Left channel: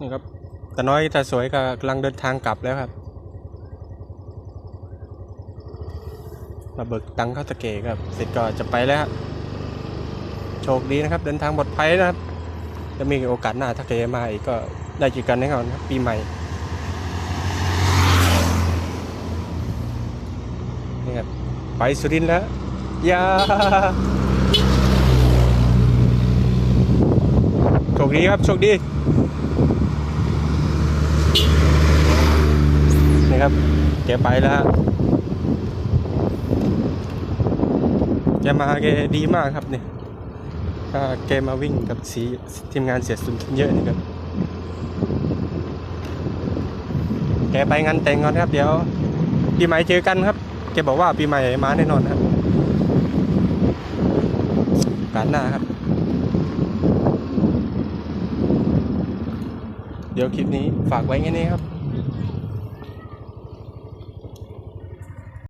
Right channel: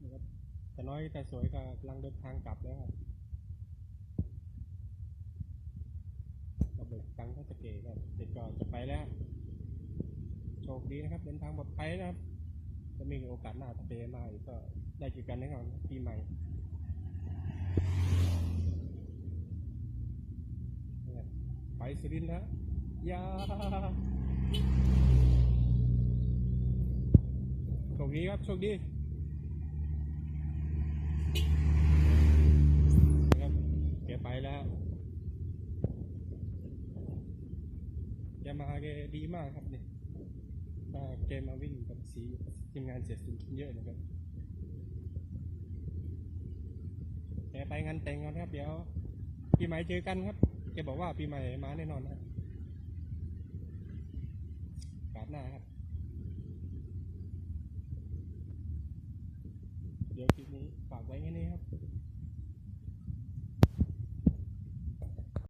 นี่ครับแต่น้อยแต่สวยก็กำลังเดินทางกลับแล้วครับมาเบิกตังค์เข้าตะเกครับเสร็จก็จะไปแล้วครับโชคดีนะครับ เดินทางปลอดภัยนะครับจะมีโอกาสหน้าถ้าเกมาอีกก็ได้เจอกันแน่นอนครับปีใหม่นี่ครับไปสุรินทร์แล้วยาโช คดีครับ โชคดีนี่ครับแกไปแล้วแกมาแกดีมากครับเนี่ยถ้าแกมาวิ่งกับสีทีมงานเสียสุนเยอะนี่ครับ แกไปงานแต่งก่อนครับ เดี๋ยวปีใหม่เจอกันครับ แกบอกว่าปีใหม่มาแน่นอนครับการหน้าครับ เดี๋ยวคลิปนี้ฝากไว้แค่นี้ครับ